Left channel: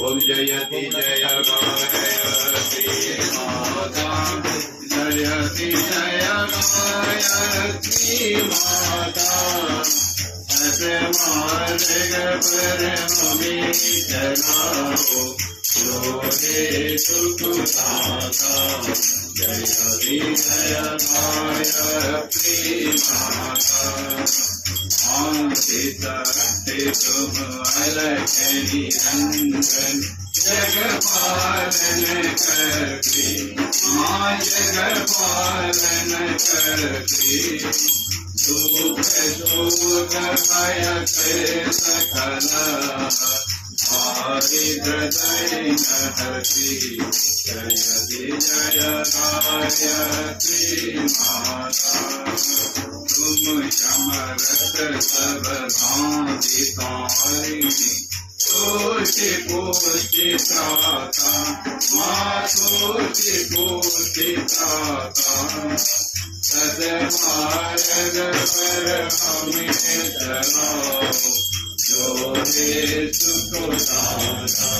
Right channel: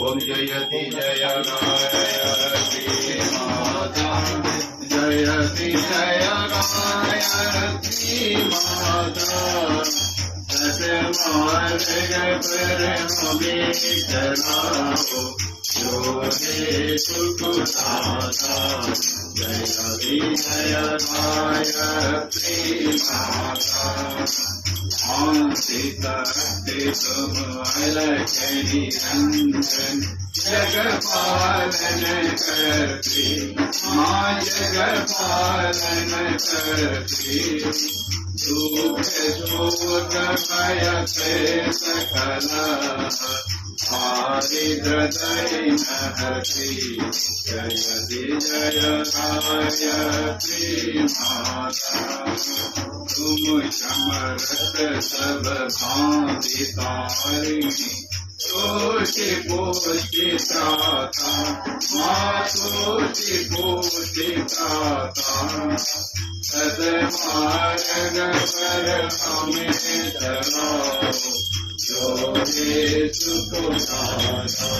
ओम जयति जय गायत्री माता जयति जय गायत्री माता सतमार्ग पर हमें चलाओ योगे सुखदाता जयति जय गायत्री माता शांति शुभ अलख निरंजन जगपालन करती माँ जगपालन करती दुख शोक भय सकला भारी हृदय नहती जयति जय गायत्री माता तुम समरथ सब भांति तारिणी सोचि पोषि त्राता माँ सोचि पोषि त्राता सदमार्ग पर हमें चलाओ योगे सुखदाता